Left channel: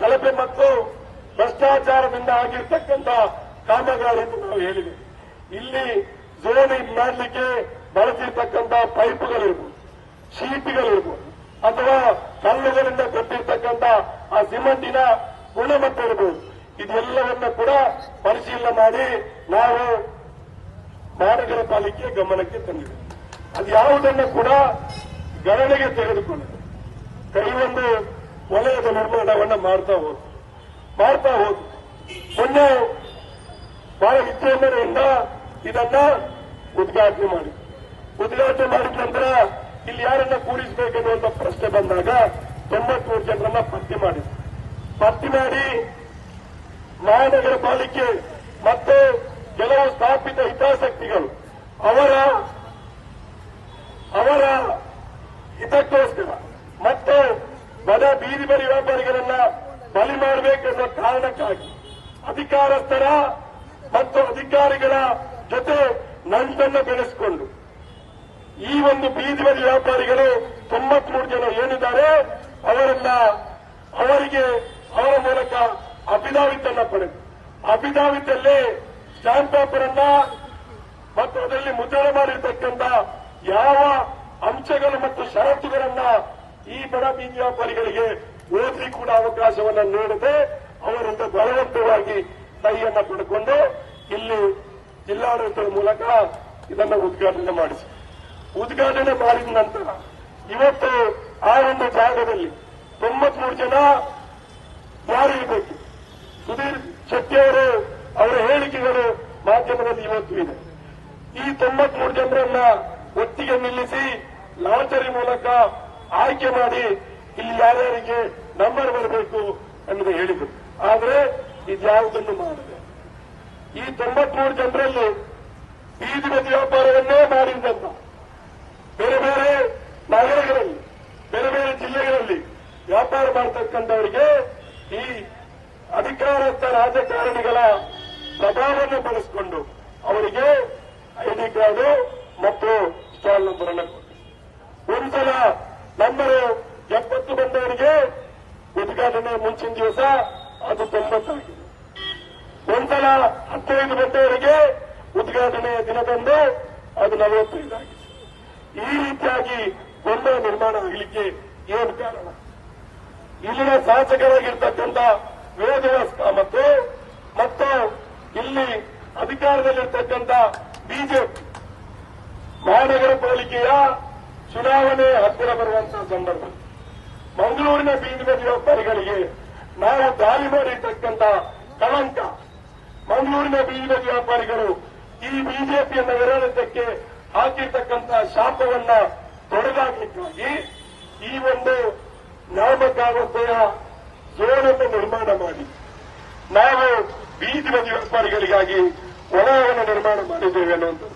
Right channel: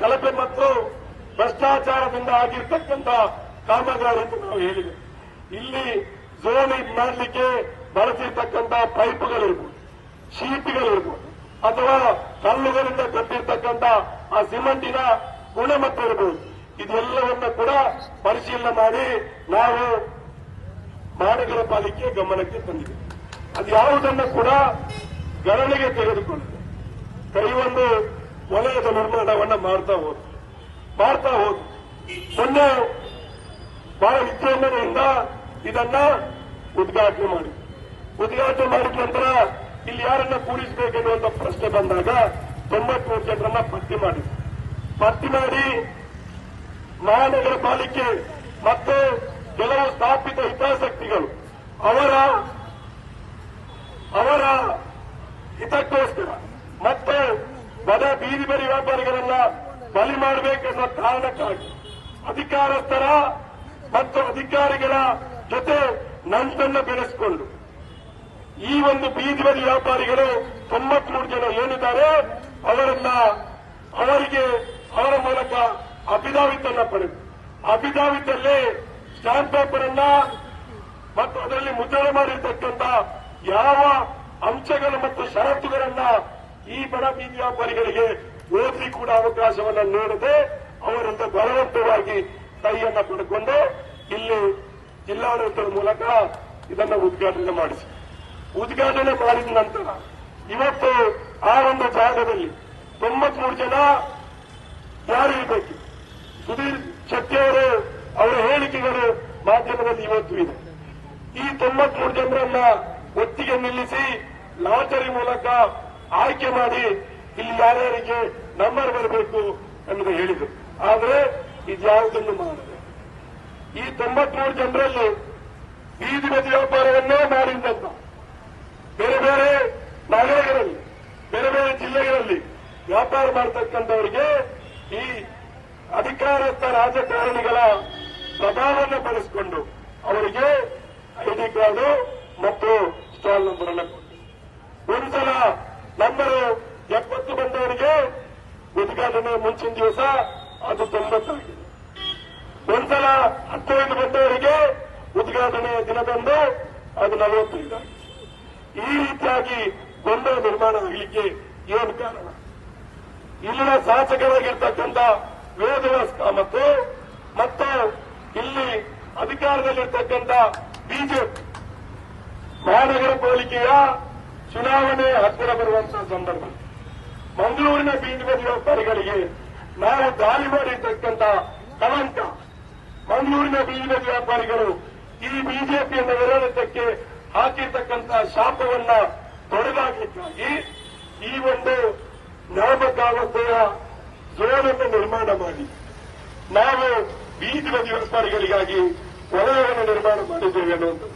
ಕಳಪೆ ಮತ್ತು ಭ್ರಷ್ಟಾಚಾರದಿಂದ ಆಗಿರ್ತಕ್ಕಂಥ ನಾವು ಹೇಳಿದೆ ಇಲ್ಲಿ ಜೋಲಿ ಮಾಡಲಿಕ್ಕೆ ಬಳಸಿರ್ತಕ್ಕಂಥ ಪೈಪ್ಗಳಿರ್ಬೋದು, ಶೀಟ್ಗಳಿರ್ಬೋದು, ಅಥವಾ ಕಲ್ಲುಗಳಿಂದ ಕಟ್ಟಿರ್ತಕ್ಕಂಥ ಆ ಸಿಮೆಂಟಿನ ಗುಣಮಟ್ಟ ಇರ್ಬೋದು. ಇದೆಲ್ಲವನ್ನು ಕೂಡ ಪರಿಶೀಲನೆ ಮಾಡಿ ನಾವು ಮಹಾನಗರ ಪಾಲಿಕೆ ಗಮನಕ್ಕೆ ತಂದಿದೆ ಅದು ಯಾವುದನ್ನು ಕೂಡ ಗಣನೆಗೆ ತೆಗೆದುಕೊಂಡಿದೆ. ಕೈಗೊಂದು ವಲಯದ ನಿರ್ಮಾಣವನ್ನ ಮಾಡ್ತಾ ಹೋದ್ರು. ಮಾಡ್ತಾ ಹೋದ್ರು. ಮೊನ್ನೆ ಬಹಳ ವಿಜೃಂಭಣೆಯಿಂದ ಇದನ್ನ ಉದ್ಘಾಟನೆ ಮಾಡಿ ಉದ್ಘಾಟನೆ ಮಾಡಿದ ನಂತರ ಇಲ್ಲಿ ಯಾರನ್ನ ಕೂಡಿಸಬೇಕೆನ್ನುವಂತ ಪ್ರಶ್ನೆ ಬಂದಾಗ ತೊಂಬತ್ಮೂರು ಜನರನ್ನ ಪಟ್ಟಿ ಮಾಡಿ ಪಟ್ಟಿ ಮಾಡಿ ಮಹಾನಗರ ಪಾಲಿಕೆ ಮತ್ತು ಕೆಲವು ಸ್ಥಾಪಿತ ಹಿತಾಸಕ್ತಿಗಳು ಅವರ ಹಿತಕ್ಕೋಸ್ಕರ ಮತ್ತು ಬಡ ಬೀದಿ ಬರಿ ವ್ಯಾಪಾರಿಗಳನ್ನ ಬಲಿ ಮಾಡಬೇಕೆಂಬ ಕಾರಣಕ್ಕಾಗಿ ಅಧಿಕಾರಸ್ಥರ ಮತ್ತು ಅಧಿಕಾರಿಗಳ ಜೊತೆ ನಂಟನ್ನು ಬೆಳೆಸಿಕೊಂಡು ಈ ಒಂದು ಬೀದಿ ಬದಿ ವ್ಯಾಪಾರಿಗಳು ತೊಂಬತ್ಮೂರು ಜನ ಏನಿದ್ದಾರೆ, ಅವರನ್ನ ಅವರಿಗೆ ಅವರ ಮೂಲಕ ಅಭಿದಾವಿತನ್ನ ಪಡೆದು, ಅಭಿದಾವಿತಲ್ಲಿ ಸ್ಟಾಂಪ್ ಪೇಪರ್ ಅನ್ನ ಮತ್ತು ಅದರಲ್ಲಿ ಮುದ್ರಣ ಮಾಡಿರ್ತಕ್ಕಂಥ ಯಾವ ಅಂಶಗಳು ಮತ್ತು ಷರತ್ತುಗಳನ್ನ ಈ ಬಡ ಬೀದಿ ವ್ಯಾಪಾರಿಗಳಿಗೆ ಓದಿ ಕೂಡ ಅವಕಾಶವನ್ನು ನೀಡದೆ ಅವರಿಂದ ಬಲವಂತವಾಗಿ ಕೈಯನ್ನು ಪಡೆದುಕೊಂಡು ಇಲ್ಲಿ ಜಿಲ್ಲಾಡಳಿತದ ಮೂಲಕ ಇದನ್ನು ಉದ್ಘಾಟನೆ ಮಾಡಿಸಿ. ಉದ್ಘಾಟನೆ ಮಾಡಿದ ನಂತರ ಇವತ್ತು ಆ ಒಂದು ಜಾಗದಲ್ಲಿ ತೊಂಬತ್ಮೂರು ಜನ ಯಾರಿರಬೇಕು ಸುಧೀರ್ ಶೆಟ್ಟಿ ಅವರು ಅವರ ಹೇಳಿಕೆಗಳು ಮಾಧ್ಯಮದಲ್ಲಿ ಇವತ್ತು ಇದೆ. ಈ ತೊಂಬತ್ಮೂರು ಜನರನ್ನ ಒಟ್ಟಿಗೆ ನಿಲ್ಲಿಸಿ ಲಾಟರಿ ಮೂಲಕ ಆಯ್ಕೆ ಮಾಡಿ ಇಲ್ಲಿ ಯಾರ್ಯಾರಿಗೆ ನಂಬರ್ ಬರಬೇಕು ಅನ್ನೋದು ಹೇಳಿದರು. ಆದರೆ ಇದ್ಯಾವುದನ್ನು ಮಾಡಿದೆ ಈ ತೊಂಬತ್ಮೂರು ಜನರಲ್ಲಿ ಬೀದಿ ಬದಿ ವ್ಯಾಪಾರವನ್ನೇ ಮಾಡಿದ್ದಂತ ಬೇರೆ ಬೇರೆ ನಗರಗಳಲ್ಲಿ, ಬೇರೆ ಬೇರೆ ಜಿಲ್ಲೆಗಳಲ್ಲಿ ವ್ಯಾಪಾರ ಮಾಡತಕ್ಕಂಥವರಿಗೆ ಈ ಅಧಿಕಾರಸ್ಥ ರಾಜಕಾರಣಿಗಳ ಪ್ರಭಾವವನ್ನು ಬಳಸಿಕೊಂಡು ಅವರಿಗೆ ಐಡಿ ಕಾರ್ಡು ಮತ್ತು ಸ್ಟಾಲ್ ನಂಬರ್ ಒಂದ್ಸಲ ಉದ್ಘಾಟನೆ ಮುಂಚಿನ ದಿವಸ ಅದು ತೊಂಬತ್ತಾಗಿದೆ ಒಂದ್ಸಲ ಹತ್ತೈದು ಗಂಟೆವರೆಗೆ ಉದ್ಘಾಟನೆಯ ದಿನದಂದು ಅದು ನಲವತ್ತೈದು ಆಗಿದೆ. ಈ ರೀತಿಯಾಗಿ ಗೊಂದಲ ನಿರ್ಮಾಣ ಆಗಲಿಕ್ಕೆ ಏನು ಕಾರಣ. ಇಲ್ಲಿನ ಶಾಸಕರಾಗಿರ್ತಕ್ಕಂಥ ವೇದವ್ಯಾಸ ಕಾಮತ್ ಮತ್ತು ಇಲ್ಲಿ ಅಧಿಕಾರದಲ್ಲಿರ್ತಕ್ಕಂಥ ಬಿಜೆಪಿ ಮಹಾನಗರ ಪಾಲಿಕೆಯ ಚುನಾವಣೆ ಹತ್ತಿರ ಬರುವಂತಹ ಸಂದರ್ಭ. ಮಂಗಳೂರಿನ ಬೀದಿನ ಬದಿ ವ್ಯಾಪಾರಿಗಳಿಗೆ ನಾವು ದಾಳಿ ಮಾಡಿರ್ತಕ್ಕಂಥ ಕಳಂಕ. ಮಂಗಳೂರಿನ ಬೀದಿನ ಬದಿ ವ್ಯಾಪಾರಿಗಳು ಈ ಬಿಜೆಪಿಯನ್ನು ವಿರೋಧಕ್ಕೆ ಹಾಕಿರ್ತಕ್ಕಂಥ ಶಾಪವನ್ನ ತೊಡೆದಾಕಲಿಕ್ಕಾಗಿ ಈ ಒಂದು ನಾಮಕಾವಸ್ಥೆಯ ಜೋಡನ್ನು ನಿರ್ಮಾಣ ಮಾಡಿ. ನಾವು ಬೀದಿ ಬದಿ ವ್ಯಾಪಾರಿಗಳಿಗಾಗಿ ವಲಯವನ್ನು ನಿರ್ಮಾಣ ಮಾಡಿದ್ದೇವೆ ಅನ್ನೋದು.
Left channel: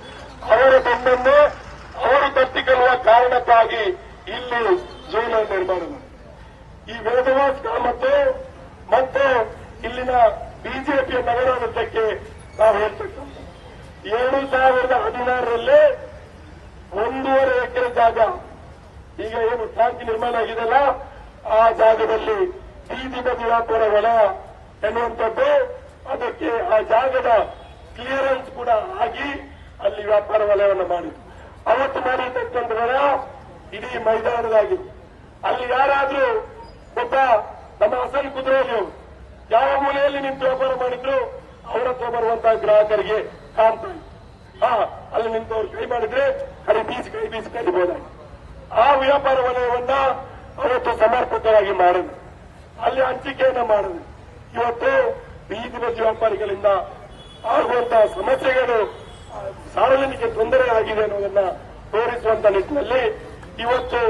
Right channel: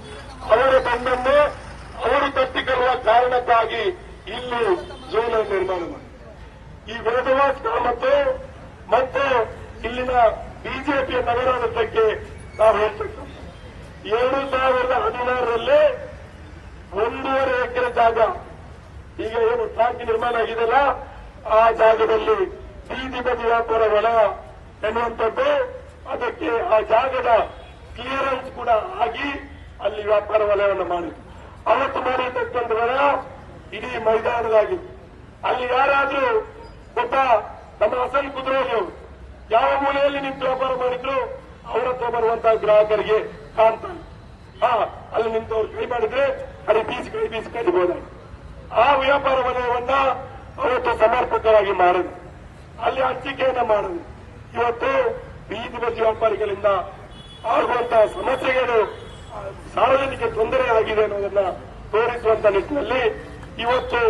ಅವರ ಮಣ್ಣನ್ನೇ ಅವರು ತಪ್ಪಿಕೊಳ್ಳುವ ಕಾರಣಕ್ಕಾಗಿ ಇಲ್ಲಿ ಜೋನ ನಿರ್ಮಾಣ ಮಾಡಿ. ಈ ವೇದವಾಸ್ ಮತ್ತು ಮತ್ತು ಇಲ್ಲಿನ ಬಿಜೆಪಿಯ ನಗರಾಡಳಿತಕ್ಕೆ ನಾವು ಹೇಳ್ತಕ್ಕಂಥ ಎರಡು ಸಾವಿರದ ಹದಿನಾರರಲ್ಲಿ ಒಂದೂವರೆ ಎಕರೆ ಜಾಗ, ಈಗ ಏನು ಶಾಂತಿ ನಿರ್ಮಾಣ ಆಗಿದೆಯಲ್ಲ, ಆ ಜಾಗದಲ್ಲಿ ಬೀದಿ ಬದಿ ವ್ಯಾಪಾರ ವಲಯ ಎನ್ನುವಂಥದ್ದು. ಅದಕ್ಕೆ ಆ ಜಾಗದ ಕ್ಲಿಯರೆನ್ಸ್ ಕೂಡ ಆಗಿ ಅಲ್ಲಿ ವ್ಯಾಪಾರ ವಲಯವನ್ನು ಮಾಡಿ ಅವತ್ತು ಮಾಡಿರ್ತಕ್ಕಂಥ ಇಡೀ ಮೈದಾನದಾಗಿತ್ತು ಅಲ್ಲಿ ಯಾರಾದ್ರೂ ನಮ್ಮ ಹಸನ್ ಕುದುರೆಯವರು ಯಾವ ಮೂಲೆಯಲ್ಲಿ ನಿಂತು ವ್ಯಾಪಾರ ಮಾಡಿದ್ರು, ಅವರ ಹತ್ರ ಬರುವಂತಹ ಗ್ರಾಹಕರಿಗೆ ಕಾಣ್ತಾರೆ ಹಾ, ಅಲ್ಲಿ ನಿಂತವ್ರು ಕೈ ಮಾಡಿದ್ರೆ ಕಡೆ ಬೀಸಿ, ಕೈ ಬೀಸಿ ಕರಿಬಹುದು ಆ ವ್ಯಾಪಾರ ವಲಯವನ್ನ ಅವತ್ತು ಸಮರ್ಪಕವಾಗಿ ಮಾಡುದು ಅಲ್ಲಿ ಹಂಚಿಕೆಯನ್ನ ಮಾಡುದು ಇವತ್ತು ಬೀದಿ ಬದಿ ವ್ಯಾಪಾರಿಗಳಿಂದ ಆಗುವಂತಹ ಸಮಸ್ಯೆಗಳು ಸಾರ್ವಜನಿಕ ತೊಂದರೆ ಆಗಿದೆ ಅನ್ನೋದನ್ನ ತೋರಿಸುವಂತ ನಿಟ್ಟಿನಲ್ಲಿ ಇವತ್ತು